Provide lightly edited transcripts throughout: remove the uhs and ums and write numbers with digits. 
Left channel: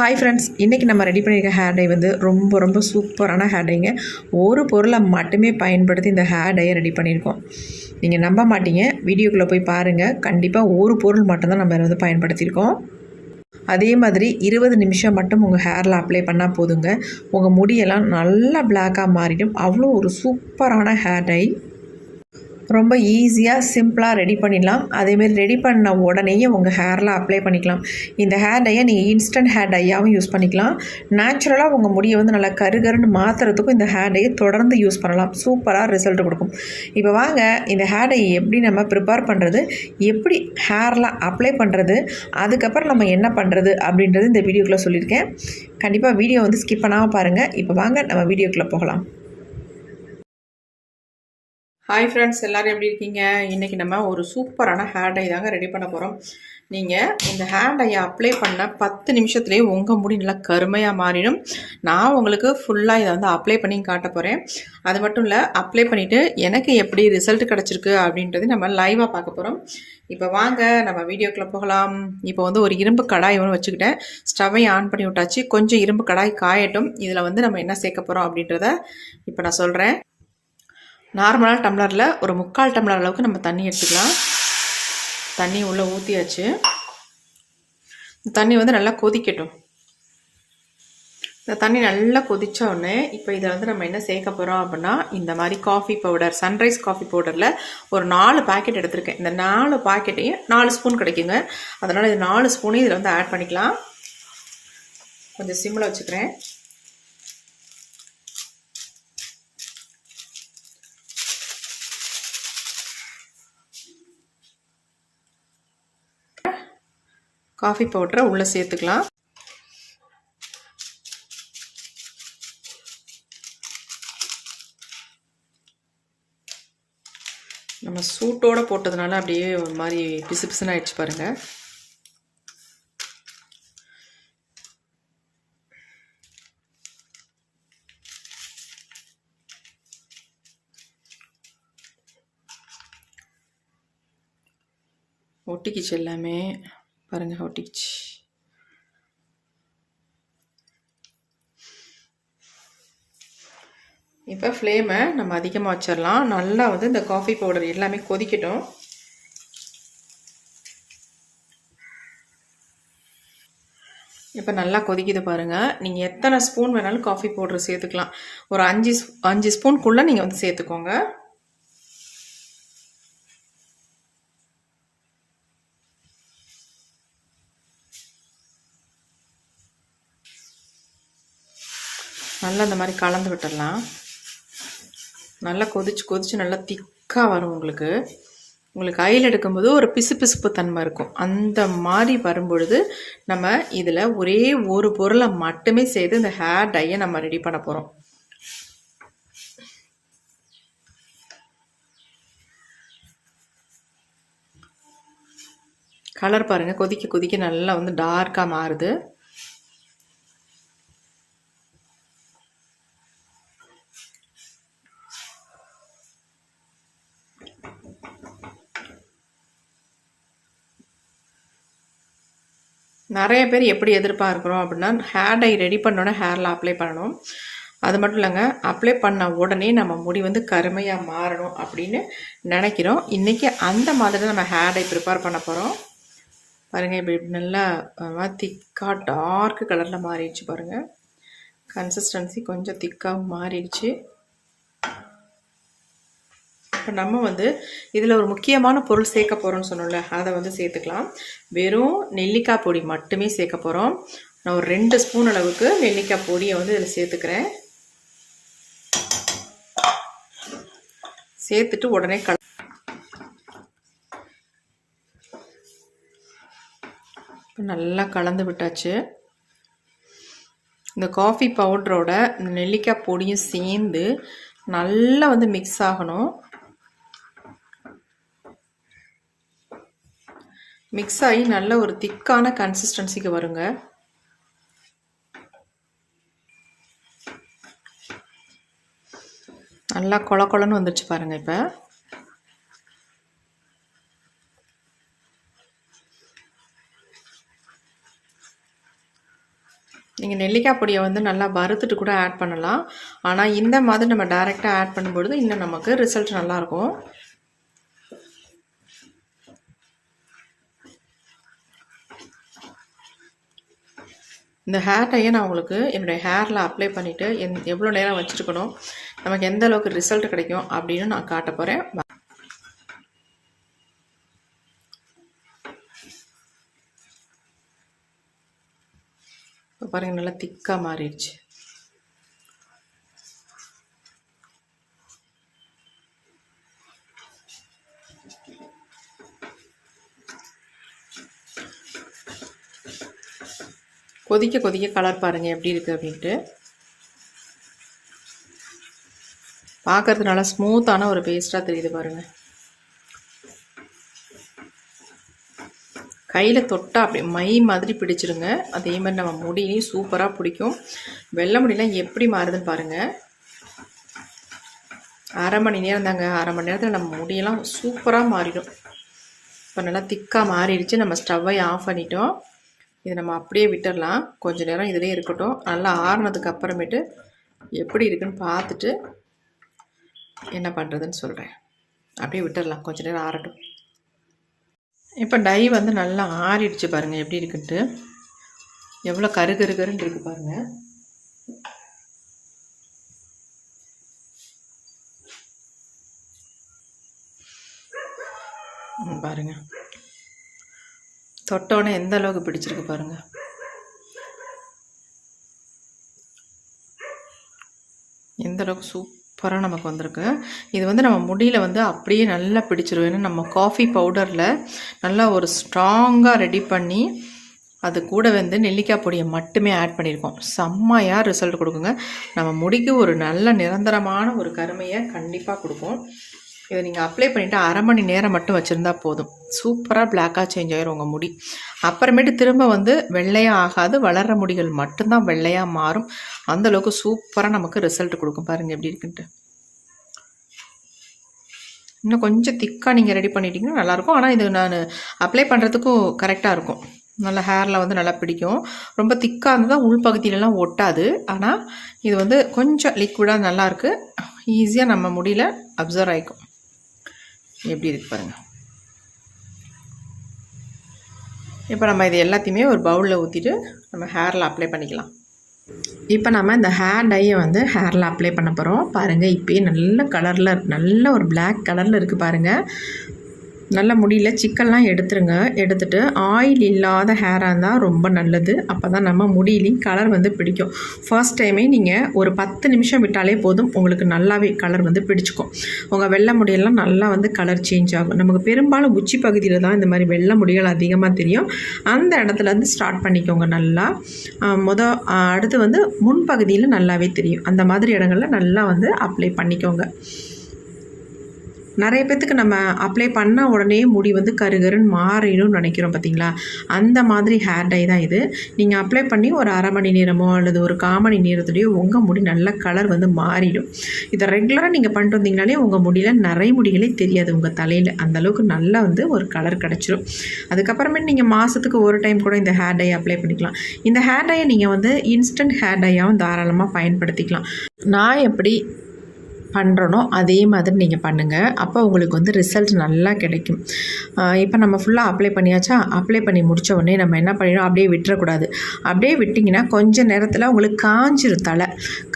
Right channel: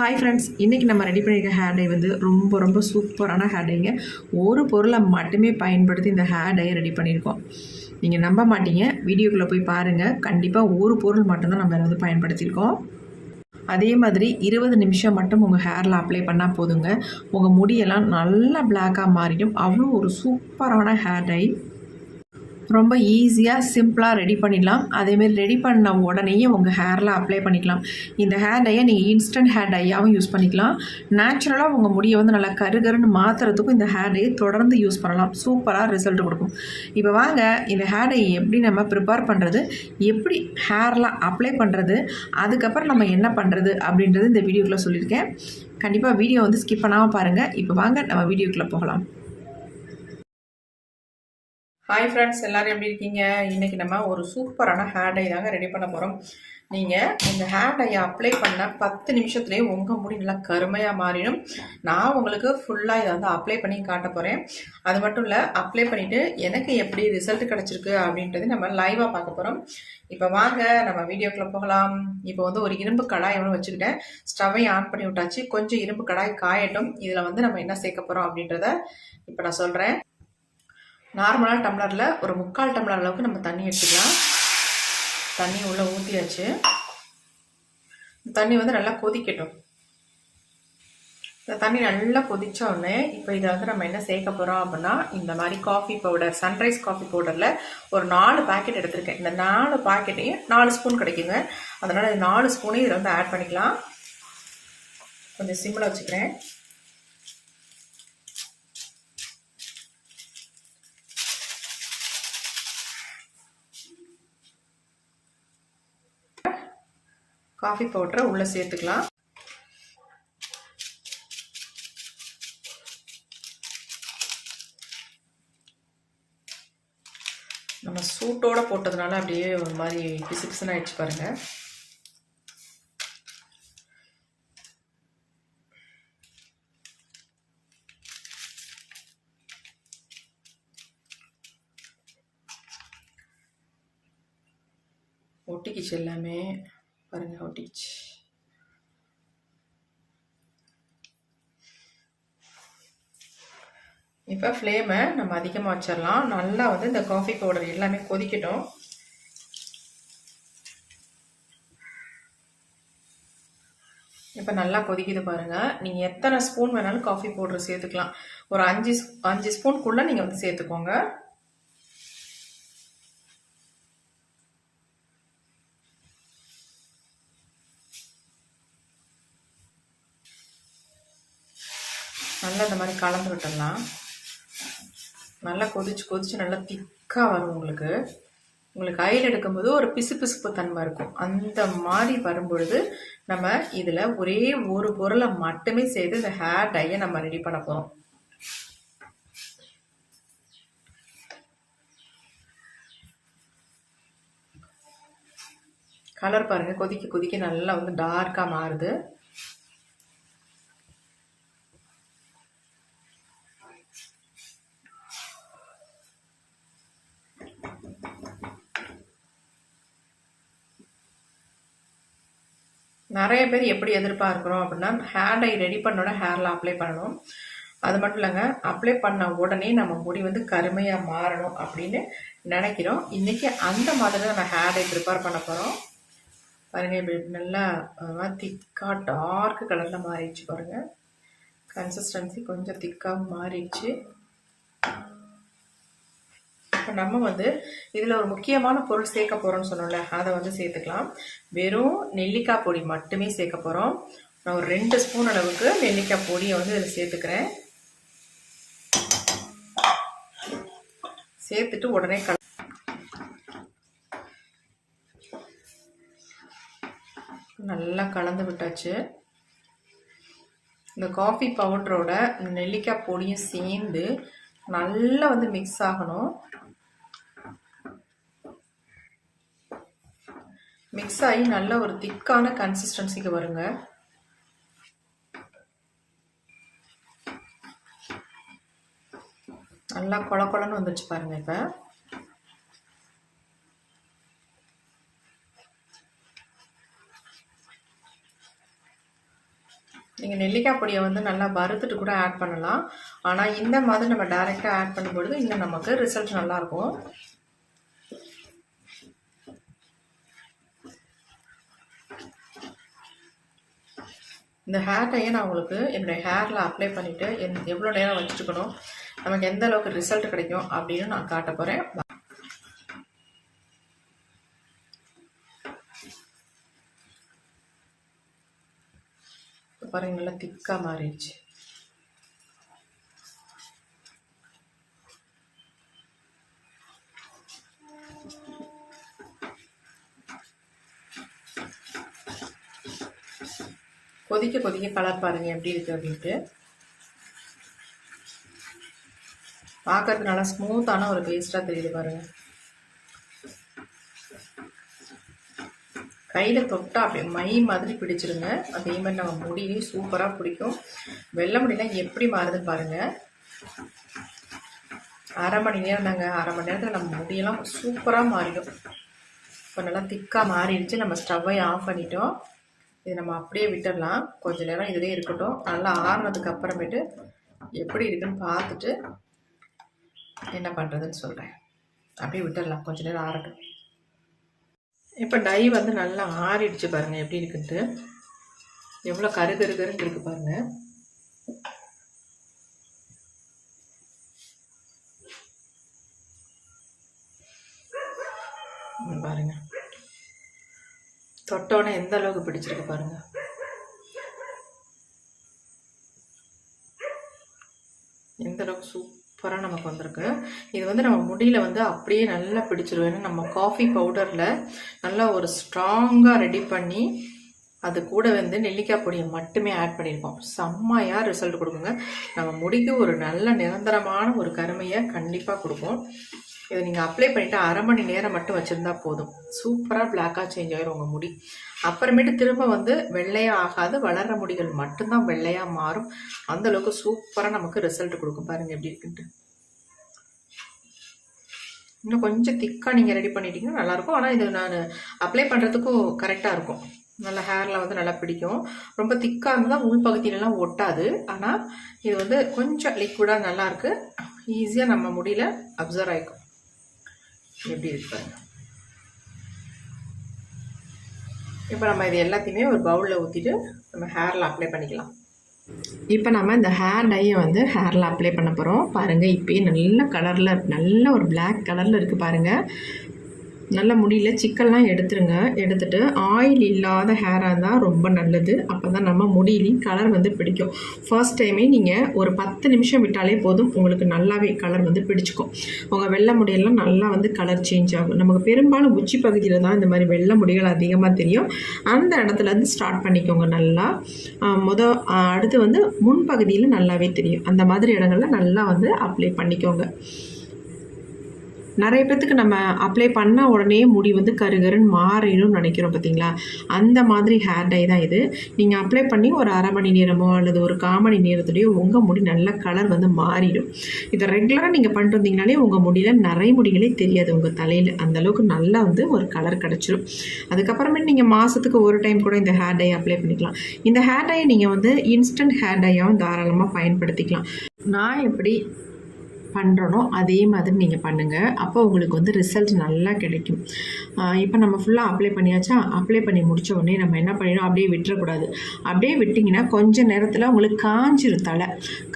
Hi friends, இன்றைக்கி நம்ம ready பண்ணியிருக்க ஹேர் டை வந்து ரொம்ப சூப்பரான ஹேர் டைங்க. ஒரு பொருளை மட்டுமே பயன்படுத்தி இந்த ஹேர் டையை ரெடி பண்ணியிருக்கோம். நீங்கள் நம்ப மாட்டீங்க, வீடியோக்குள்ளே போய் பாருங்கள். கண்டிப்பாக ஒரு பொருள் மட்டும்தான் நம்ம வந்து பயன்படுத்தியிருக்கோம். அதே மாதிரி 20 நிமிஷம் மட்டும் உங்கள் ஹேரில் அப்ளை பண்ணால் போதுங்க. உங்கள் முடியெல்லாம் நல்லா பிளாக்காக மாறிடும். அவ்வளோ ஒரு சூப்பரான ஹேர் டை. ரொம்ப ஈஸியாக சிம்பிளாக ரெடி பண்ணிடலாம். அதேமாரி ரெடி பண்ண உடனேயே உங்கள் ஹேரில் அப்ளை பண்ணிக்கலாம். இந்த ஹேர் டையை நீங்கள் இன்ஸ்டன்ட் ஹேர் டையாகவும் யூஸ் பண்ணிக்கலாம். நேச்சுரலாக உங்கள் முடியை வந்து நல்லா கருகருன்னு மாற்றுறதுக்கும் இந்த ஹேர் டையை தொடர்ந்து யூஸ் பண்ணலாம். சூப்பராக ரிசல்ட் கொடுக்கும். இப்போ வாங்க இந்த ஹேர் டையை எப்படி நம்ம ப்ரிப்பேர் பண்ணுறது, எப்படி ஹேரில் அப்ளை பண்ணுறது, அதுக்கப்புறம் நம்ம என்ன பண்ணுறது அப்படின்றது இந்த வீடியோக்குள்ளே சொல்லியிருக்கேன். கண்டிப்பாக வீடியோ வந்து ஸ்கிப் பண்ணாமல் பாருங்கள். இப்போ வாங்க நம்ம வீடியோக்குள்ளே போகலாம். ஹாய் ஃப்ரெண்ட்ஸ், எல்லோரும் எப்படி இருக்கீங்க? இன்றைக்கி நம்ம ஒரு சூப்பரான ஹேர் டை தாங்க ரெடி பண்ண போகிறோம். நீங்கள் இந்த ஹேர் டையை அப்ளை பண்ண 10 நிமிஷத்துலேயே உங்கள் முடி நல்லா கருமையாக மாறிடும். நான் உங்களுக்கு ஃபுல்லாக இதை வந்து அப்ளை பண்ணி காட்ட போகிறேன். அது மட்டும் இல்லை, அப்ளை பண்ணிவிட்டு எனக்கு எப்படி ரிசல்ட் கிடச்சிருக்கு அப்படின்றது நம்ம லைவாக பார்க்க போகிறோம். இப்போ வாங்க நம்ம வீடியோக்குள்ளே போகலாம். இப்போ வந்து ஒரு இரும்பு கடாய் ஒன்று வச்சுக்கிட்டேன். ஸ்டவ்வை ஆன் பண்ணி விட்டாச்சு. கொஞ்சம் இரும்பு கடாய் காயட்டும். இதில் வந்து நம்ம என்ன சேர்க்க போகிறோம் அப்படின்றத இப்போ நான் சொல்கிறேன். நார்மலான டம்ளரில் ஒரு 3/4 டம்ளர் அளவுக்கு நம்ம தண்ணி எடுத்துக்கலாம். தண்ணி உள்ளே ஊற்றியாச்சு. தண்ணி வந்து நல்லா கொதிக்கட்டும். இந்த தண்ணி நல்லா கொதித்த உடனே இப்போ இதை வந்து நம்ம என்ன சேர்க்க போகிறோம் அப்படின்னா, இந்த மாதிரி காஃபி பவுடர், சன்ரைஸ் காஃபி பவுடரில் ஒரு 4 பாக்கெட் எடுத்திருக்கேன். இந்த 4 பாக்கெட்டையும் 4 ஸ்பூன் கிடைக்குங்க. அதனால் இது 4 ஸ்பூனையும் இதில் வந்து ஆட் பண்ணிக்கலாம். கொஞ்சம் சிம்மில் வச்சுக்கிறேன். காஃபி பவுடரை உள்ளே சேர்த்துக்கலாம். நம்ம சூட்டோடு போட்டதுனால அப்படியே ஒரு மாதிரி பிசு பிசுன்னு ஆயிடுச்சு பாருங்கள். ஒட்டிக்கிச்சு எல்லாமே பாருங்கள், ஒட்டிக்கிச்சு. இப்போ ஃப்ளேமை நம்ம அதிகமாக வச்சிடலாம். நல்லா வந்து இந்த காஃபி பவுடர் எல்லாமே கொதிக்கட்டும். இப்போ நல்லா கொதிக்குது பாருங்கள். நீங்கள் எத்தனை ஸ்பூன் வேணாலும் காஃபி பவுடர் சேர்த்துக்கலாம். ஒரு 5 ஸ்பூனுக்குள்ளே நீங்கள் வந்து சேர்த்துக்கோங்க. நல்லா இந்த மாதிரி கலந்து விட்டுடலாம். நல்லா கொதிச்சு நல்லா திக்காக வரும். உங்களுக்கு கையில் எடுக்கும்போது ஒரு பிசுப்பு தன்மை இருக்கும். அந்த மாதிரி வரும்பொழுது நம்ம இதில் ஒரே ஒரு பொருளை மட்டுமே சேர்த்து இந்த ஹேர் டையை நம்ம ரெடி பண்ண போகிறோம். கலர் பாருங்கள், கொதிக்க நல்லா வந்து டார்க்காக மாறுது. நிறைய பேர் எப்படி எதிர்பார்க்குறோம் அப்படின்னா, ஹேர் டை ரெடி பண்ணோன்னே ஹேரில் அப்ளை பண்ணணும். அது மட்டும் இல்லைங்க, அப்ளை பண்ண உடனே நம்ம முடி வந்து கருமையாக மாறணும் அப்படின்னு நினைக்கிறோம். இன்றைக்கி அந்த மாதிரி நம்ம ஹேர் டை ப்ரிப்பேர் பண்ண போகிறோம். பாருங்கள், இப்படி நல்லா திக்காக டார்க் கலரில் மாறிடுச்சு பாருங்கள். கன்சிஸ்டன்சி கொஞ்சம் திக்காக மாறிடுச்சு. இப்போ நம்ம வந்து இதில் ஒரு முக்கியமான பொருள் சேர்க்க போகிறோம்னு சொன்னோம்ல, அதை வந்து சேர்த்துக்கலாம். வெறும் நெல்லிக்காய் பொடி மட்டுமே சேர்க்க போகிறோம். நான் ஒரு 2 ஸ்பூன் அளவுக்கு நெல்லிக்காய் பொடியை வந்து இதில் சேர்த்துக்கிறேன். சேர்த்துட்டு உடனே நல்லா கலந்து விட்டாச்சு. இந்த காஃபி பவுடரோட நெல்லிக்காய் பொடியும் சேர்ந்து நல்லா வந்து மிக்ஸ் ஆகணும். மிக்ஸ் ஆகி நல்ல ஒரு திக்கான கன்சிஸ்டன்சிக்கு வருங்க. நல்லா கொழன்னு வந்துருச்சு பாருங்க. இப்போ நீங்கள் நெல்லிக்காய் பொடியை வந்து நல்லா வறுத்துட்டு கூட ஆட் பண்ணலாம். ஆனால் இந்த மாதிரி நம்ம டைரெக்டாக ஆட் பண்ணும்பொழுது இன்னும் நமக்கு ரிசல்ட் நல்லாயிருக்கும். இந்த ஹேர் டையை நான் உங்களுக்கு என்னுடைய ஹேரில் அப்ளை பண்ணிவிட்டு எவ்வளோ நேரம் வச்சுருக்கணும், நமக்கு எந்த அளவுக்கு ரிசல்ட் கிடைக்கும் அப்படின்னு நான் காட்ட போகிறேன். பாருங்க, நல்லா திக்காக மாறிடுச்சு. கொதிக்க கொதிக்க கலர் பாருங்கள் எப்படி இருக்குது அப்படின்ட்டு. பார்க்கறது நல்லா ஸ்மூத்தான ஒரு பேஸ்ட்டாக தெரியுது பாருங்கள். கையில் தொட்டால் அப்படி மை மாதிரி பிடிச்சிருங்க. அதே மாதிரி நம்ம முடியும் சூப்பராக பிடிக்கும். வெள்ளை முடியெல்லாம் எப்படி மாறுதுன்னு பாருங்கள். அரை மணி நேரம் தாங்க, அரை மணி நேரத்தில் நம்ம முடியெல்லாம் சூப்பராக மாறிடும். இப்போ நல்லா திக்காக மாறிடுச்சு. நம்ம ஸ்டவ்வை ஆஃப் பண்ணிட்டோம். இதை நம்ம அப்படியே விட்டுடலாம். கொஞ்சம் நேரம் இதிலே இருக்கட்டும். நல்லா ஆறுனதுக்கு அப்புறமேட்டு எப்படி இருக்குன்னு பார்த்துட்டு என்ன பண்ணுறதுன்னு சொல்கிறேன். அப்படியே விட்டுடலாம், கொஞ்சம் நேரம் ஆறட்டும். இப்போ டை வந்து நல்லா ஆறிடுச்சு பாருங்கள் எப்படி இருக்குன்ட்டு. எவ்வளோ கருகருன்னு இருக்குது பாருங்கள். பாருங்க, தொட்டோன்னே எந்த அளவுக்கு பிடிச்சிருக்கு பாருங்க. எந்த அளவுக்கு சூப்பராக நமக்கு வந்திருக்கு. இது வந்து நம்ம முடியில் வந்து அப்படியே நல்லா பிடிச்சிரும். ஏன்னா நம்ம காஃபி பவுடரில் நல்லா ஒரு ஸ்ட்ராங்காக ரெடி பண்ணி அது கூட வந்து நெல்லிக்காய் பொடியை மட்டுமே ஆட் பண்ணியிருக்கோம். செம்மையாக ரிசல்ட் கொடுக்குங்க. நம்ம முடிக்கு ஒரு நல்ல நிரந்தரமான ஒரு கருமையை கண்டிப்பாக கொடுக்கும். இதை நீங்கள் அப்ளை பண்ணிவிட்டு அரை மணி நேரம் மட்டும் வச்சுருந்தா போதும். சூப்பராக பிளாக்காக சேஞ்ச் ஆகிரும் உங்கள் முடி. அப்புறமேட்டு திரும்ப வந்து வெள்ளையாக ஆகாது, வளர்கிற முடிகள் மட்டும்தான் வெள்ளையாக மாறும். அந்தளவுக்கு சூப்பராக நமக்கு ரிசல்ட் கொடுக்கும். பாருங்கள் எப்படி இருக்குன்ட்டு. இன்னும் கொஞ்சம் திக்காக நீங்கள் ரெடி பண்ணிட்டீங்கன்னா நல்லாயிருக்கும். ஆனால் இது நான் அப்ளை பண்ணுறதுக்கும் கரெக்டாக இருக்கும். நல்லா ஹேரில் வந்து நல்லா பிடிக்கும். ரொம்ப திக்காக இருந்தால் உள்பகுதியிலலாம் ஒட்டாது. ஆனால் இது வந்து கொஞ்சம் லிக்விடாக நல்லாயிருக்கு. ஈஸியாக நம்ம முடியல அப்சர்வ் ஆகிக்கும். எப்படி இருக்கு பாருங்கள். இப்போ நம்ம இது எல்லாத்தையுமே ஒரு பவுலில் ஊற்றிட்டு நம்ம ஹேரில் அப்ளை பண்ணிக்கலாம். இப்போ நம்ம இந்த ஹேர் டையை வந்து ஹேரில் அப்ளை பண்ண போகிறோம். பாருங்கள், இப்போயே நல்ல கலரில் நல்ல ஒரு பிளாக் கலரில் இருக்குது பாருங்கள். நல்ல முடியல சிக்கல்லாம் எடுத்துருங்க. எடுத்துகிட்டு ஆயில் இல்லாத ஹேராக இருந்தால் ரொம்ப நல்லது. அப்போ தான் நம்ம முடியிலையும் கலர் வந்து பிடிக்கும். ஃபர்ஸ்ட் டைமே நீங்கள் ஒரு 10 நிமிஷம் விட்டாலே போதும், உங்களுக்கு நல்லாவே கலர் வந்து பிடிச்சிக்கும். உங்கள் வெள்ளை முடியெல்லாம் நல்லா வந்து கலர் சேஞ்ச் ஆகும். நமக்கு பெரும்பாலும் உச்சி பகுதியில் தான் இந்த மாதிரி வெள்ளை முடிகள் அதிகமாக தெரியும். அந்த இடத்துலேருந்து ஸ்டார்ட் பண்ணிக்கோங்க நல்லா. அடுத்து வந்து முன்பகுதியில் நல்லாவே தெரியும். அந்த மாதிரி இடங்களில் நல்லா வந்து அப்ளை பண்ணிக்கோங்க. நிறைய பேர்த்துக்கு நம்ம அப்ளை பண்ண உடனே முடி வந்து கருகருன்னு மாறிடும்னு நினைக்கிறோம் பார்த்தீங்களா. அந்த மாதிரி ஹேர் டை தான் இது. நீங்கள் அப்ளை பண்ணி ஒரு அரை மணி நேரமோ அல்லது ஒரு 1/4 மணி நேரத்துலேயோ உங்கள் முடி நல்ல கலர் வந்து மாறிடும். இதை ரெகுலராக நீங்கள் பண்ணிட்டு வந்தீங்கனாலே உங்கள் முடியில் நிறைய முடிகளே தெரியாது உங்கள் தலையில். அந்தளவுக்கு நல்லா வந்து ஒரு கலர் கிடச்சிரும். அதுக்கப்புறமேட்டு நீங்கள் மாதத்துக்கு ஒரு டைம் கூட இந்த ஹேர் டை அப்ளை பண்ணிக்கலாம். இந்த ஹேர் டையை நீங்கள் வந்து இன்ஸ்டன்ட் ஹேர் டையாகவும் தாராளமாக பயன்படுத்திக்கலாம். நான் எப்படி பண்ணுறனோ அதே மாதிரி நீங்கள் பண்ணுங்கள். அப்போ உங்களுக்கு வந்து ரிசல்ட் நல்லா கிடைக்கும். இப்போ நம்ம ஃபுல்லாக அப்ளை பண்ணியாச்சா. அப்ளை பண்ணி முடித்த உடனே நம்ம என்ன பண்ணிடணும், அப்படியே விட்டுறக்கூடாது. அப்படியே விட்டிங்கன்னா கொஞ்சம் நேரத்தில் உங்களுக்கு காஞ்சிரும். தலை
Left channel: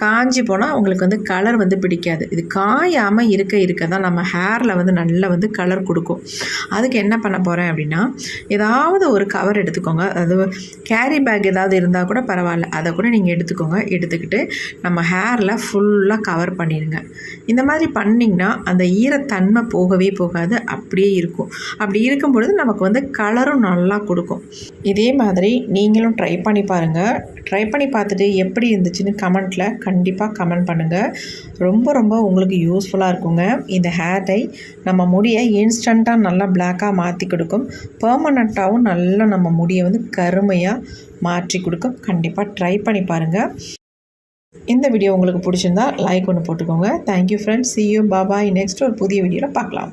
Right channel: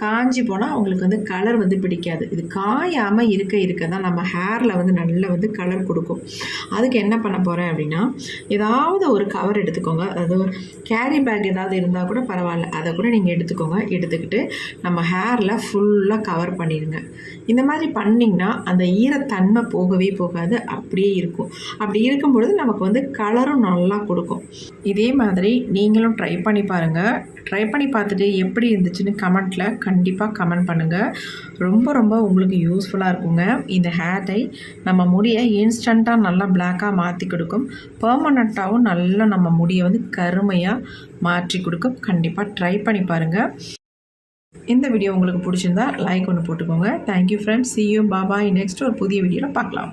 காஞ்சி போனால் உங்களுக்கு வந்து கலர் வந்து பிடிக்காது. இது காயாமல் இருக்க தான் நம்ம ஹேரில் வந்து நல்லா வந்து கலர் கொடுக்கும். அதுக்கு என்ன பண்ண போகிறேன் அப்படின்னா, ஏதாவது ஒரு கவர் எடுத்துக்கோங்க. அது கேரி பேக் ஏதாவது இருந்தால் கூட பரவாயில்ல, அதை கூட நீங்கள் எடுத்துக்கோங்க. எடுத்துக்கிட்டு நம்ம ஹேரில் ஃபுல்லாக கவர் பண்ணிடுங்க. இந்த மாதிரி பண்ணிங்கன்னா அந்த ஈரத்தன்மை போகவே போகாது, அப்படியே இருக்கும். அப்படி இருக்கும்பொழுது நமக்கு வந்து கலரும் நல்லா கொடுக்கும். இதே மாதிரி நீங்களும் ட்ரை பண்ணி பாருங்கள். ட்ரை பண்ணி பார்த்துட்டு எப்படி இருந்துச்சுன்னு கமெண்ட்டில் கண்டிப்பாக கமெண்ட் பண்ணுங்கள். ரொம்ப உங்களுக்கு யூஸ்ஃபுல்லாக இருக்குங்க. இந்த ஹேர் டை நம்ம முடியை இன்ஸ்டண்ட்டாக நல்லா பிளாக்காக மாற்றி கொடுக்கும். பெர்மனண்ட்டாகவும் நல்லா நம்ம முடியை வந்து கருமையாக மாற்றி கொடுக்கும். கண்டிப்பாக ட்ரை பண்ணி பாருங்கள். இந்த வீடியோ உங்களுக்கு பிடிச்சிருந்தா லைக் ஒன்று போட்டுக்கோங்க. Thank you friends. see you, bye bye. Next ஒரு புதிய வீடியோவில் பார்க்கலாம்.